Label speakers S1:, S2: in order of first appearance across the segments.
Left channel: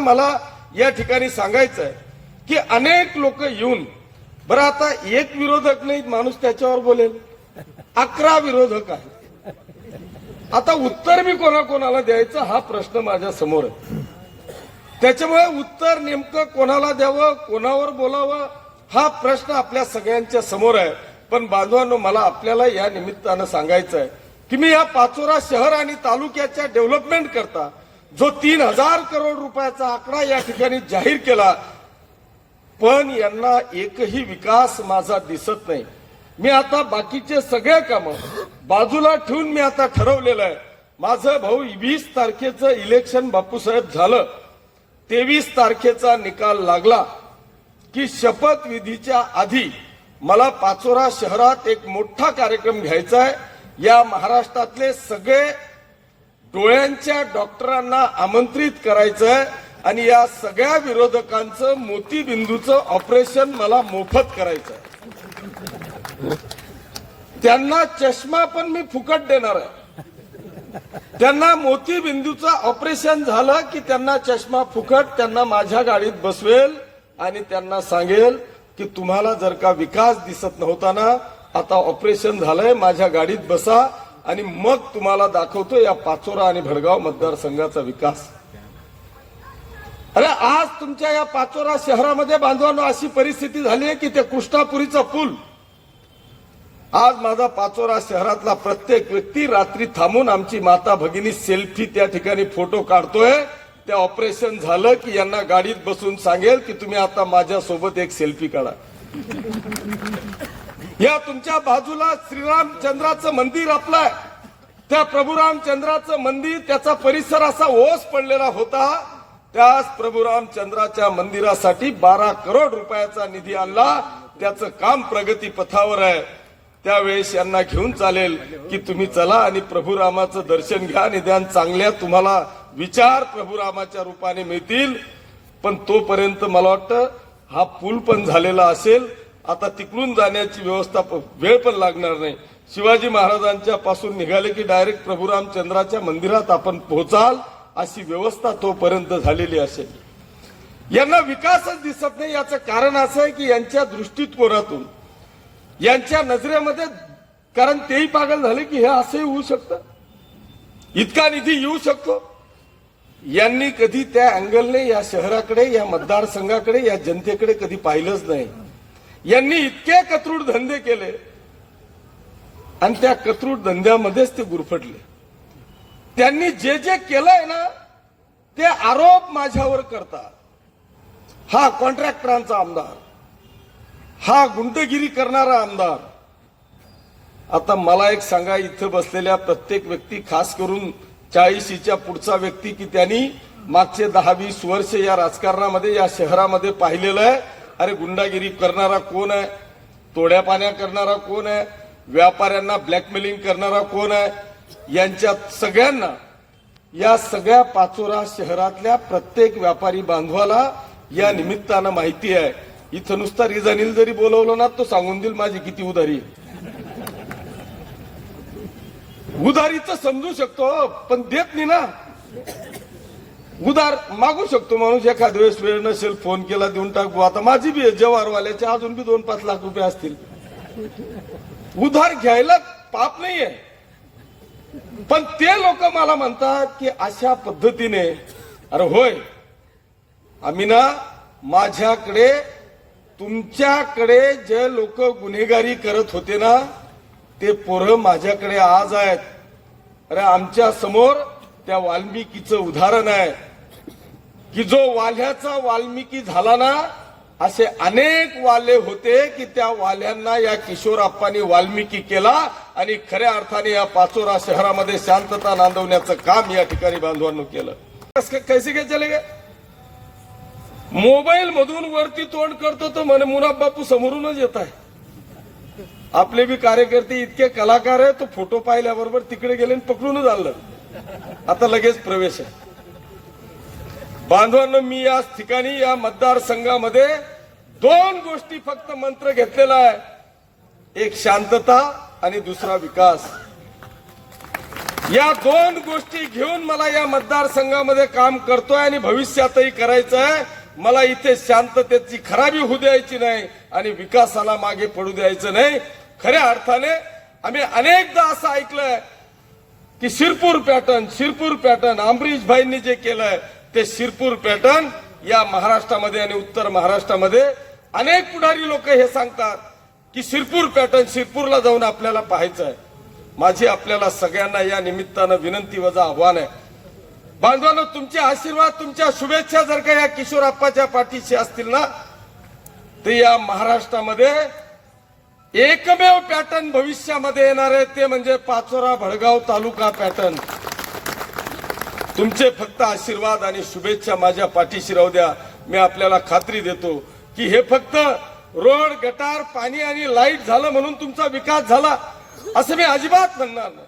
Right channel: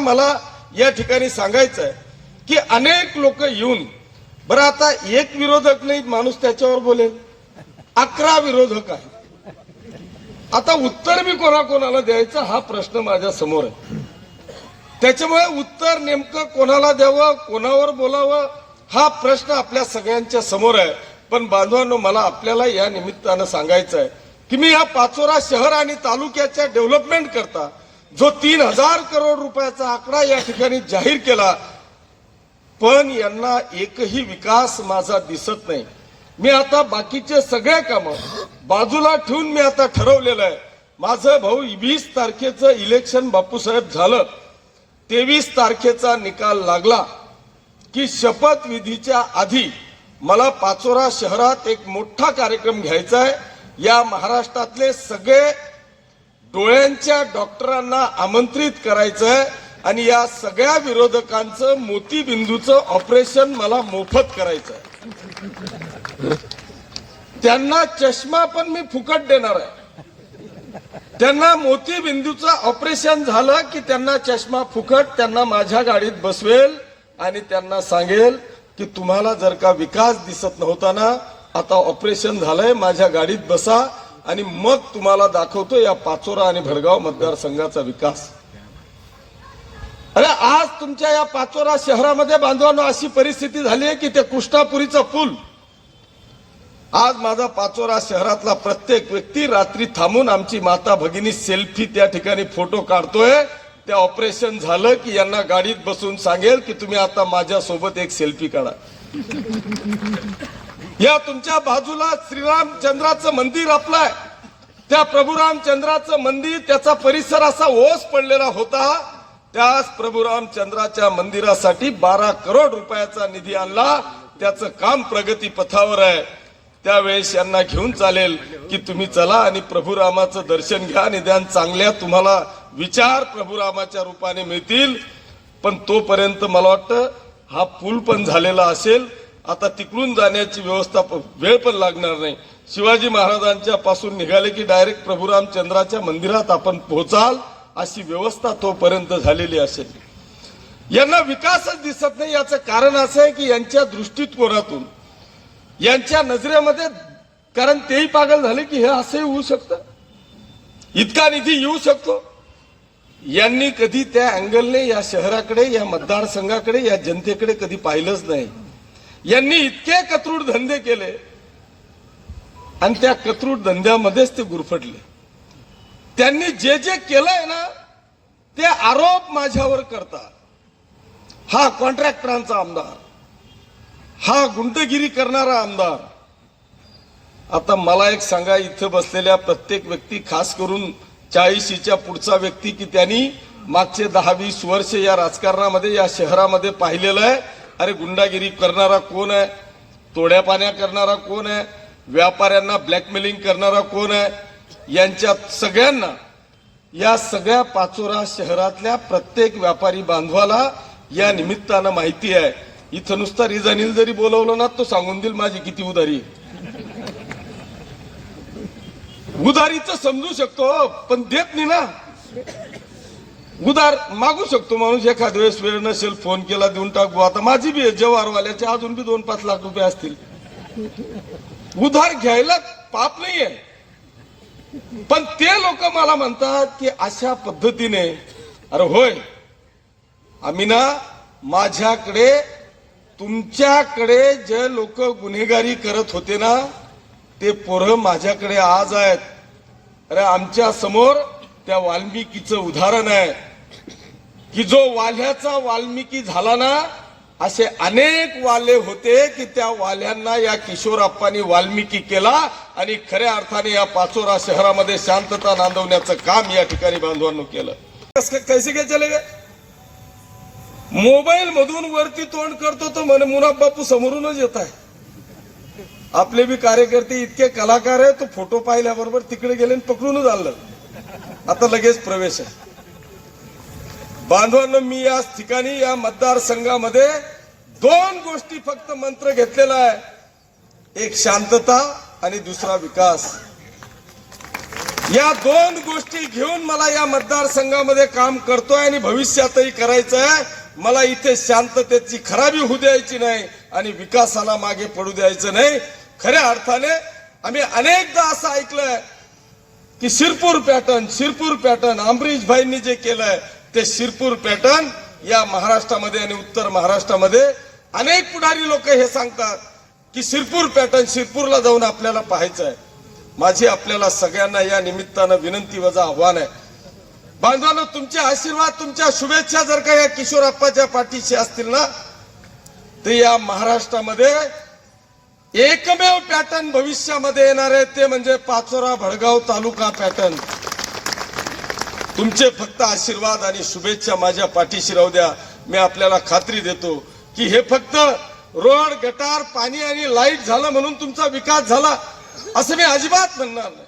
S1: मला या ठिकाणी सांगायचं आहे की अनेक लोक येऊन बरं आता एक विरोधक नाही माणूस त्याच्यावर बोलेल. अकरा विरोधक आहे आता उत्तर मी कोणाकोणाला द्यायचं हा प्रश्न माझ्यासमोर आहे. त्याच्यामुळे उत्तर नेमकं कोणाला द्यावं कोणावर बोलावं हा प्रश्न आपल्या सगळ्यांच्या समोर आहे. पण बांधवांनो मला आपल्याला या निमित्तानं सांगायचं आहे की मी या पाचोरा शहर आणि तालुक्याच्या डेव्हलपमेंट करता जो तीन हजार करोड रुपयाचा आकडा या ठिकाणी जाहीर केला पण यांना एकही विकास माझा दिसत नाही. मी आता बाकीचे सगळे कामं बाजूला ठेवून मी आता ठरवलेलं आहे. माझं भाऊ वीस तारखेचं इलेक्शन बापूसाहेब झालं. तेवीस तारखेचा निकाल लागला की शपथविधीच्या आधी मला पाचोरा शहरात एक मोठा कार्यक्रम घ्यायचा आहे. या महाराष्ट्रातले सगळे डोळ्यांच्या डॉक्टरांना आमंत्रित करायचं आणि या सगळ्या विरोधकांचं मोतीबिंदूचं ऑपरेशन मला मोफत करायचं त्यांना चष्मा पण मी फुकट देणार आहे. त्यांना मोतीबिंदूचं ऑपरेशन झालं की त्यांना चष्मा फुकट त्यांना माझ्या गाडीत बसवेल आणि त्यांना सांगेल की तुम्हाला जर का विकास दिसत नव्हता ना आता ऑपरेशन झालंय माझ्या गाडीत बसा आणि मग तुम्हाला दाखवतो या पाचोरा आणि भडगाव मतदारसंघाचा विकास. अरे आज तुमच्या या पाचोरा शहरामध्ये बांधवांनो अशी परिस्थिती झाली आहे की ते कृष्णापुरीचा पूल. आज माझा पाचोरा शहरातला प्रत्येक व्यक्ती रात्री थांबून आमची माता भगिनी सेल्फी त्या ठिकाणी फोटो काढतोय. ते ऑपरेशन झालं की यांना गाडीत बसून सांगेल की तुम्ही आता माझ्या सोबत एक सेल्फी काढा. या तुमच्या बाजूला श्रीरामचंद्राचं मंदिर आपलंय. त्या प्रभू रामचंद्राचं मंदिर त्याचा परिसर असा ओस पडलेला होता. त्याच प्रभू रामचंद्राच्या मंदिरासाठी बारा करोड रुपयाचा निधी आणला. त्याचं काम प्रगती पथावर आहे. त्यावेळेस यांना घेऊन चालेल की तुम्ही चला आणि प्रभुरामाचं दर्शन घ्या निदान चांगल्या तुम्हाला विचार प्रभुरामाच्या रूपाने मिळतील. पण तोपर्यंत मला वाटतं हा पूल पण झालेला असेल. आता तिकडून जाण्याची व्यवस्था प- वेळ पण लागणार नाही. शिवाजी महाराजांच्या पासून निघाले की डायरेक्ट प्रभुराम चंद्राच्या मंदिरात आपण पोहोचाल अशी व्यवस्था तोपर्यंत झालेली असेल. यांना विकासच दिसत नाही. याचं कारण असं आहे की यांच्या दृष्टिकोनातून यांच्या नजरेमध्ये कारण तेही पागल झाले की हे असंही होऊ शकतं. इतका निधी येऊ शकतो. यांनी कधी त्या अँगलने या शहराकडे या मतदारसंघाकडे या जनतेकडे कधी पाहिलंच नाही. यांनी इतके कत्रूड धंदे केले आणि त्या कत्रूड धंद्यामध्येच ते गुरफटले. त्यांनी जे जे केलंय ना ते आरोप माझ्यावर करतात. हा कॉन्ट्रॅक्टरांचा आमदार हा गुंडगिरी करणारा आमदार. आता मला एक सांगा इथं बसलेल्या प्रत्येक व्यक्ती खास करून चाळीशीच्या पुढचा व्यक्ती की त्यांनी मागचे दहा वीस वर्ष या राजकारणामध्ये या शहरामध्ये पाहिलेलं आहे. अरे गुंडागिरी करणारा कोण आहे? तोड्या पाण्या करणारा कोण आहे? व्यापाऱ्यांना ब्लॅकमेलिंग करणारा कोण आहे? यांच्या सगळ्यांना या सगळ्या पाचोरा शहरातल्या प्रत्येक व्यापारी बांधवाला या निमित्तानं माहिती आहे. इथं नुसता रिजानील जरी बोलवलं ना तो सांगून देईल माझी किती उधारी आहे. उधारीचं समजू शकतो पण देत नाही ना. उधार मागू शकतो माणूस. एखाद्या वेळेस वेळ नसेल फोन केला देऊन टाकू. आता माझी बी जवारवाल्याचे अजून बी दोन पाच लाख रुपये असतील. उधार घ्यायला पाप नाहीये. पण ते लोक मला म्हणतात की अशा पद्धतीने अरे होय आम्ही ना माझ्याकडे तुमच्याकडे जे लोक गुन्हेगारी करत होते ना ते पोरं माझ्याकडे आज आहेत. अरे आमच्यासमोर त्या वाल्मिकीचं उदाहरण आहे. की जो वाल्याचा वाल्मिकी झाला ना असे अनेक वाले होते की त्या वाल्यांना या किशोरप्पांनी वाल्मिकी केला आणि खऱ्या अर्थाने या पाचोरा शहरामध्ये शांतता नांदवण्याचं काम या ठिकाणी बांधवांनो केलं. कैसे काय चले गे मोबाईल मधून वरती तोंड करतो तो म्हणे मुनाफ बापू समोरूनच येत आहे. आपले बी कार्यकर्ते इतके कलाकार आहे तो फोटो पाहिल्याबरोबर तिकडे गेले आणि पकडूनच आणलं. आता लगेच प्रवेश आहे. बांधवांनो मी या ठिकाणी या मतदारसंघामध्ये दोन गोष्टी फक्त मंत्र घेतलेला आहे. एक शांतता आणि दुसरा विकास. या दोन गोष्टी घेऊन मला या मतदारसंघामध्ये काम करतोय आणि भविष्यातही करायचं आहे मला इथे शांततेची खराबी होऊ द्यायची नाही आणि विकासाला मागे पडू द्यायचं नाही. खऱ्या अर्थाने आम्ही अनेकदा असं ऐकलंय की शिरपूर पॅटर्न शिरपूर पॅटर्न अमरीश भाईंनी जे केलंय ते शिरपूर पॅटर्न या महाराष्ट्रामध्ये आणि उत्तर महाराष्ट्रामध्ये अनेक पुढारी लोक हे सांगतात की शिरपूर पॅटर्न शिरपूरला जाऊन आपल्याला पाहायचं आहे माझी आपल्याला सगळ्यांना या निमित्तानं विनंती वजा आव्हान आहे. बांधवांनो तुमचे आशीर्वाद तुमच्या शुभेच्छा जर का या किशोरप्पाच्या पाठीशी असतील ना तर या महाराष्ट्रामध्ये एकमेव पॅटर्न भविष्यामध्ये येणार आहे. ते म्हणजे पाचोरा भडगाव तालुका पॅटर्न. तुमचे फक्त आशीर्वाद आणि शुभेच्छा माझ्या पाठीशी राहू द्या. मी आपल्याला खात्री देतो की हे फक्त रोड गटार पाणी आणि लाइट झालं म्हणून तुमचा विकास झाला असं मी अजिबात म्हणणार नाही.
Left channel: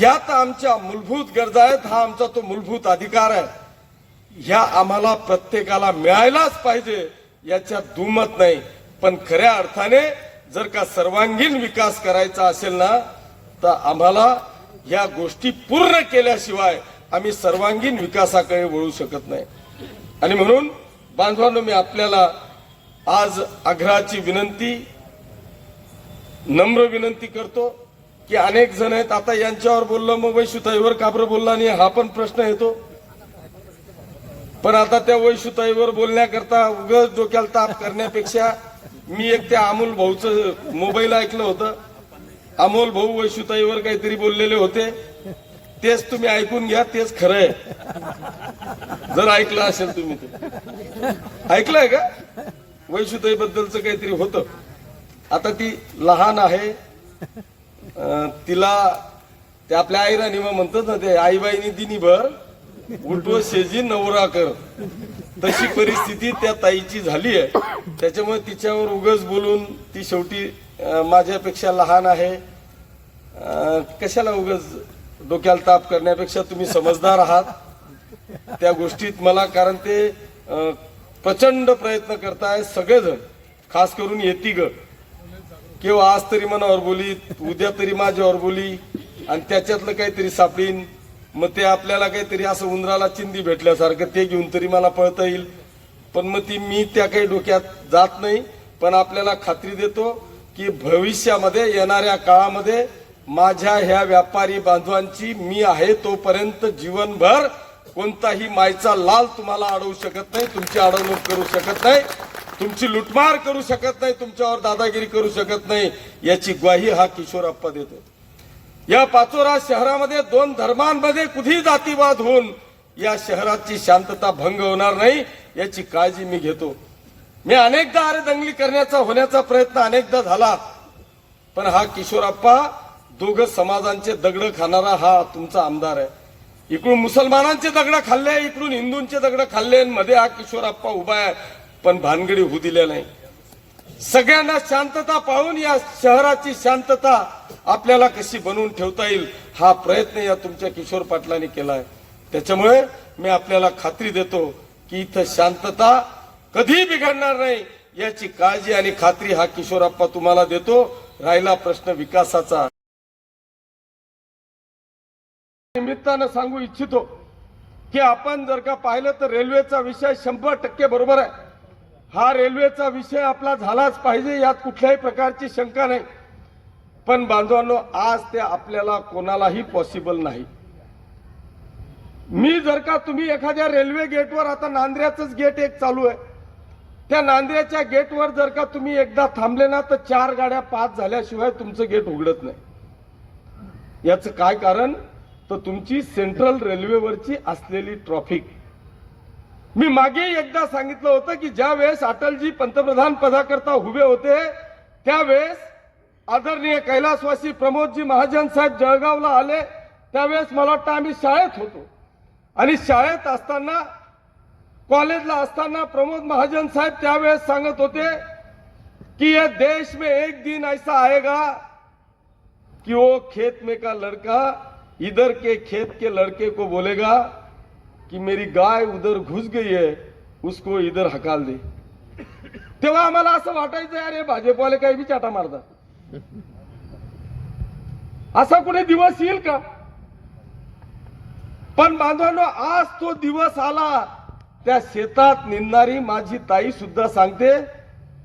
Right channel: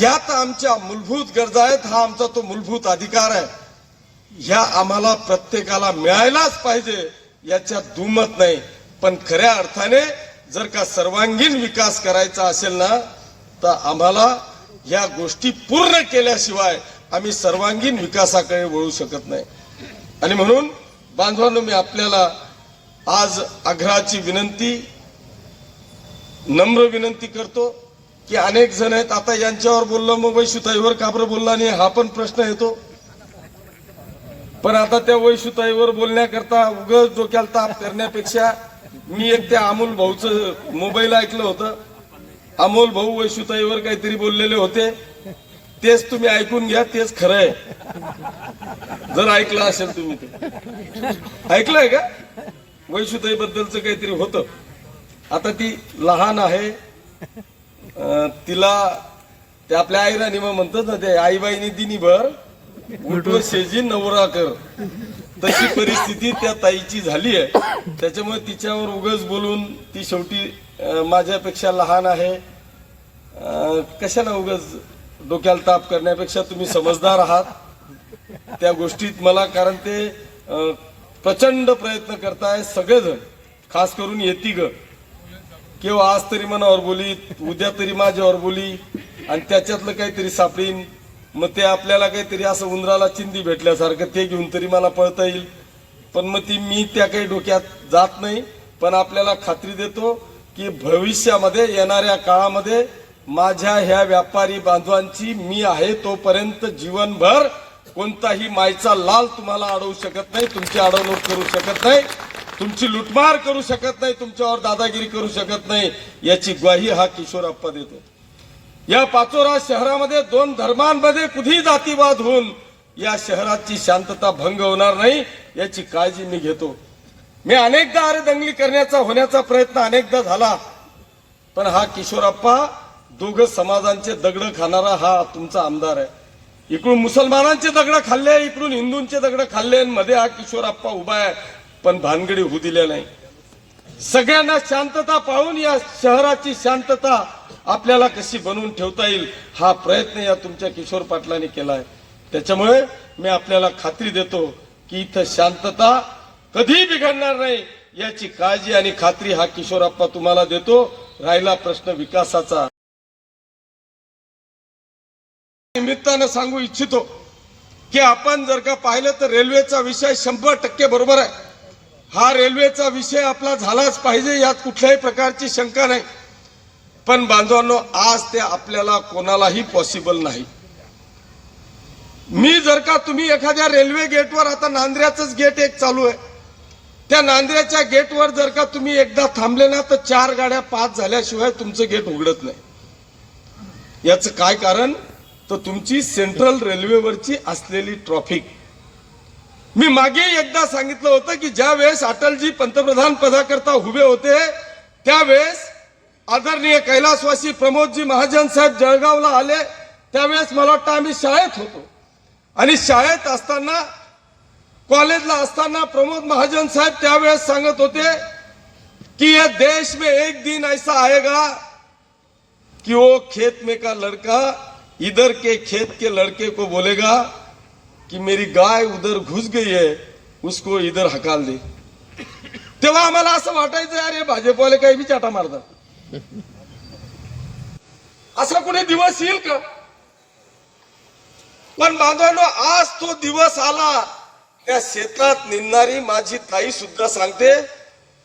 S1: तर आमच्या मूलभूत गरजा आहेत हा आमचा तो मूलभूत अधिकार आहे. ह्या आम्हाला प्रत्येकाला मिळायलाच पाहिजे याच्यात दुमत नाही. पण खऱ्या अर्थाने जर का सर्वांगीण विकास करायचा असेल ना तर आम्हाला या गोष्टी पूर्ण केल्याशिवाय आम्ही सर्वांगीण विकासाकडे वळू शकत नाही. आणि म्हणून बांधवांनो मी आपल्याला आज आग्रहाची विनंती नम्र विनंती करतो की अनेक जण आहेत. आता यांच्यावर बोललं मग वैशुताईवर काबर बोलला आणि हा पण प्रश्न येतो. पण आता त्या वैशुताईवर बोलण्याकरता उगच डोक्याला ताप करण्यापेक्षा मी एक त्या अमोल भाऊचं मोबाईल ऐकलं होतं. अमोल भाऊ वैशुताईवर काहीतरी बोललेले होते. तेच तुम्ही ऐकून घ्या तेच खरं आहे जर ऐकलं असेल तुम्ही ते. ऐकलंय का? वैशुताईबद्दलचं काहीतरी होतं. आता ती लहान आहे. तिला ते आपल्या आईला निमा म्हणतात ना ते आईबाईने दिनी भर उलटव शेजी नवरा कर. तशी परिस्थिती त्या ताईची झाली आहे. त्याच्यामुळे तिच्यावर उगच बोलून ती शेवटी माझ्यापेक्षा लहान आहे. कशाला उगच डोक्याला ताप करण्यापेक्षा तुम्ही समजदार आहात. त्या गोष्टीत मला कारण ते प्रचंड प्रयत्न करताय सगळेजण खास करून येती ग. किंवा आज तरी मनावर बोली उद्या तरी माझ्यावर बोली आणि त्याच्यातलं काहीतरी सापडीन. मग ते आपल्याला काहीतरी असं उंदराला चिंदी भेटल्यासारखं ते घेऊन तरी मला पळता येईल. पण मग ती मी त्या काही डोक्यात जात नाही पण आपल्याला खात्री देतो की भविष्यामध्ये येणाऱ्या काळामध्ये माझ्या ह्या व्यापारी बांधवांची मी आहे तोपर्यंत जीवनभर कोणताही मायचा लाल तुम्हाला अडवू शकत नाही तुमची अडवणूक करू शकत नाही तुमची लुटमार करू शकत नाही तुमच्यावर दादागिरी करू शकत नाही याची ग्वाही हा किशोरप्पा देतो. या पाचोरा शहरामध्ये दोन धर्मांमध्ये कुठेही जातीवाद होऊन या शहराची शांतता भंग होणार नाही याची काळजी मी घेतो. मी अनेकदा अरेदंगली करण्याचा होण्याचा प्रयत्न अनेकदा झाला पण हा किशोरप्पा दोघ समाजांचे दगड खाणारा हा तुमचा आमदार आहे. इकडून मुसलमानांचे दगड खाल्ले इकडून हिंदूंचे दगड खाल्ले मध्ये हा किशोर आप्पा उभा आहे पण भानगडी होऊ दिल्या नाही. सगळ्यांना शांतता पाहून या शहराची शांतता आपल्याला कशी बनवून ठेवता येईल हा प्रयत्न या तुमच्या किशोर पाटलांनी केलाय त्याच्यामुळे मी आपल्याला खात्री देतो की इथं शांतता कधी बिघडणार नाही याची काळजी आणि खात्री हा किशोरप्पा तुम्हाला देतो. राहिला प्रश्न विकासाचा. निमित्तानं सांगू इच्छितो की आपण जर का पाहिलं तर रेल्वेचा विषय शंभर टक्के बरोबर आहे. हा रेल्वेचा विषय आपला झालाच पाहिजे यात कुठल्याही प्रकारची शंका नाही. पण बांधवांनो आज ते आपल्याला कोणालाही पॉसिबल नाही. मी जर का तुम्ही एखाद्या रेल्वे गेटवर आता नांद्र्याचंच गेट एक चालू आहे. त्या नांद्र्याच्या गेटवर जर का तुम्ही एकदा थांबले ना तर चार गाड्या पाच झाल्याशिवाय तुमचं गेट उघडत नाही. याचं काय कारण? तर तुमची सेंट्रल रेल्वेवरची असलेली ट्रॉफिक मी मागे एकदा सांगितलं होतं की ज्या वेळेस अटलजी पंतप्रधान पदाकरता उभे होते त्यावेळेस आदरणीय कैलासवासी प्रमोदजी महाजन साहेब जळगावला आले त्यावेळेस मला वाटतं आम्ही शाळेत होतो. आणि शाळेत असताना कॉलेजला असताना प्रमोद महाजन साहेब त्यावेळेस सांगत होते कि या देश में एक दिन ऐसा आएगा कि वो खेत में का लड़का इधर के खेत के लड़के को बोलेगा कि मेरी गाय उधर घुस गई है उसको इधर हकाल दे। तेव्हा आम्हाला असं वाटायचं अरे भाजपवाले काही बी चाटा मारतात. असा कुठे दिवस येईल का? पण बांधवांनो आज तो दिवस आला त्या शेतात निंदणारी माझी ताई सुद्धा सांगते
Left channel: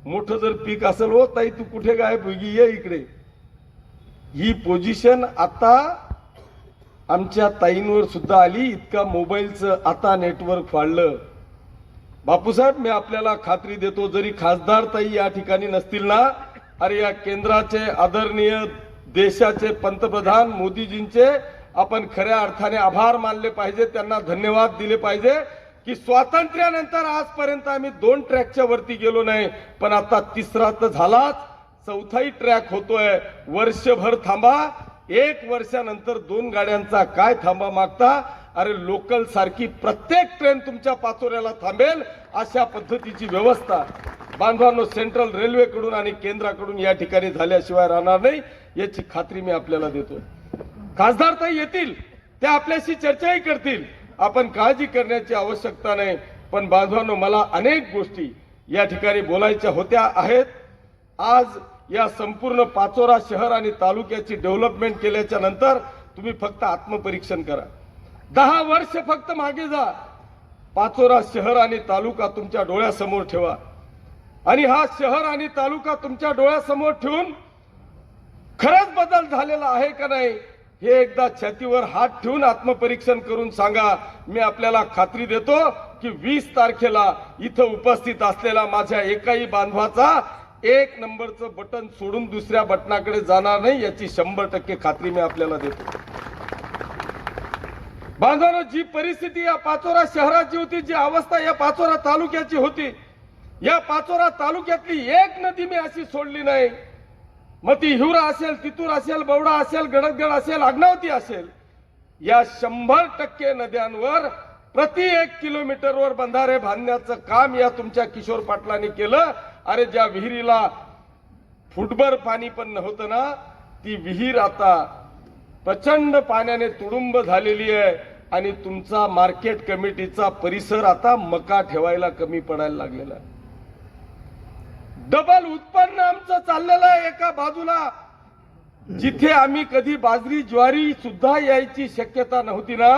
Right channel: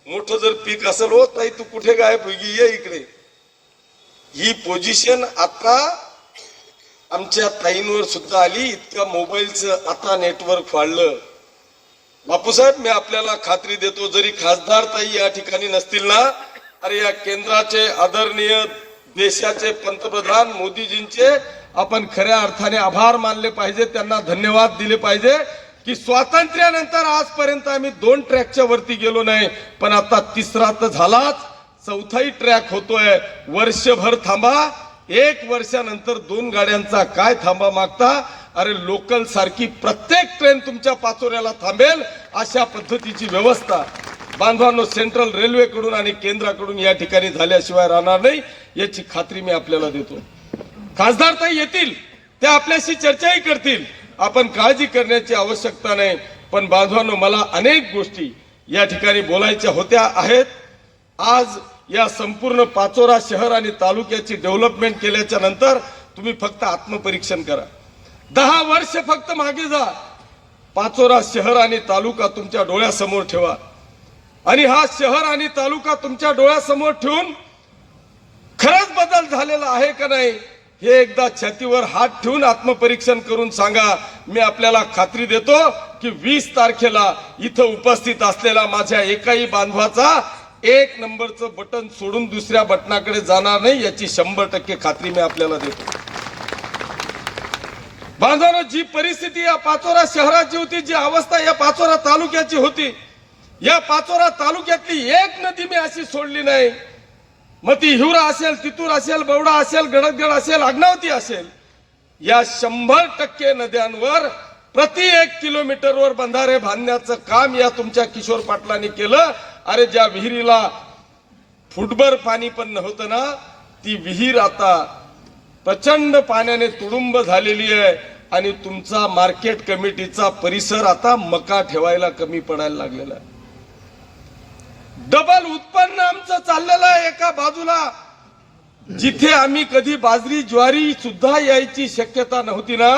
S1: मोठं जर पीक असेल हो ताई तू कुठे गायब ये इकडे. ही पोझिशन आता आमच्या ताईंवर सुद्धा आली इतका मोबाईलचं आता नेटवर्क वाढलं बापूसाहेब मी आपल्याला खात्री देतो जरी खासदार ताई या ठिकाणी नसतील ना अरे या केंद्राचे आदरणीय देशाचे पंतप्रधान मोदीजींचे आपण खऱ्या अर्थाने आभार मानले पाहिजे त्यांना धन्यवाद दिले पाहिजे की स्वातंत्र्यानंतर आजपर्यंत आम्ही दोन ट्रॅकच्या वरती गेलो नाही पण आता तिसरा तर झालाच चौथाही ट्रॅक होतोय. वर्षभर थांबा एक वर्षानंतर दोन गाड्यांचा काय थांबा मागता? अरे लोकल सारखी प्रत्येक ट्रेन तुमच्या पाचोऱ्याला थांबेल अशा पद्धतीची व्यवस्था बांधवांनो सेंट्रल रेल्वेकडून आणि केंद्राकडून या ठिकाणी झाल्याशिवाय राहणार नाही याची खात्री मी आपल्याला देतो. खासदार तर येतील ते आपल्याशी चर्चाही करतील. आपण काळजी करण्याची आवश्यकता नाही पण बांधवांनो मला अनेक गोष्टी या ठिकाणी बोलायच्या होत्या आहेत. आज या संपूर्ण पाचोरा शहर आणि तालुक्याची डेव्हलपमेंट केल्याच्यानंतर तुम्ही फक्त आत्मपरीक्षण करा. दहा वर्ष फक्त मागे जा. पाचोरा शहर आणि तालुका तुमच्या डोळ्यासमोर ठेवा. आणि हा शहर आणि तालुका तुमच्या डोळ्यासमोर ठेवून खरंच बदल झालेला आहे का नाही हे एकदा छातीवर हात ठेवून आत्मपरीक्षण करून सांगा. मी आपल्याला खात्री देतो की वीस तारखेला इथं उपस्थित असलेला माझ्या एकाही बांधवाचा एक नंबरचं बटन सोडून दुसऱ्या बटनाकडे जाणार नाही याची शंभर टक्के खात्री मी आपल्याला देतो. बांधवांनो जी परिस्थिती या पाचोरा शहराची होती जी अवस्था या पाचोरा तालुक्याची होती या पाचोरा तालुक्यातली एक नदी मी अशी सोडली नाही. मग ती हिवरा असेल तितूर असेल बवडा असेल गडदगड असेल आग्नावती असेल या शंभर टक्के नद्यांवर प्रति एक किलोमीटरवर बंधारे बांधण्याचं काम या तुमच्या किशोर पाटलांनी केलं. अरे ज्या विहिरीला फुटभर पाणी पण नव्हतं ना ती विहीर आता प्रचंड पाण्याने तुडुंब झालेली आहे आणि तुमचा मार्केट कमिटीचा परिसर आता मका ठेवायला कमी पडायला लागलेला आहे. डबल उत्पन्न आमचं चाललेलं आहे एका बाजूला. जिथे आम्ही कधी बाजरी ज्वारी सुद्धा यायची शक्यता नव्हती ना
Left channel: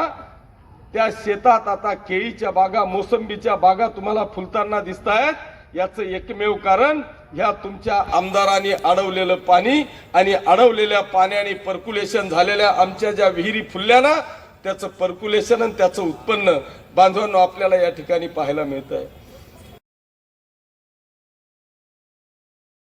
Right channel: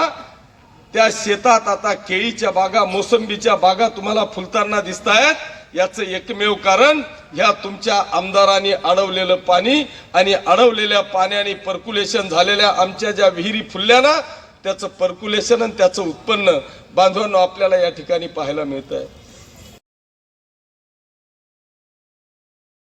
S1: त्या शेतात आता केळीच्या बागा मोसंबीच्या बागा तुम्हाला फुलताना दिसत आहेत याचं एकमेव कारण ह्या तुमच्या आमदारांनी अडवलेलं पाणी आणि अडवलेल्या पाण्याने पर्क्युलेशन झालेल्या आमच्या ज्या विहिरी फुलल्या ना त्याचं पर्क्युलेशन आणि त्याचं उत्पन्न बांधवांना आपल्याला या ठिकाणी पाहायला मिळत आहे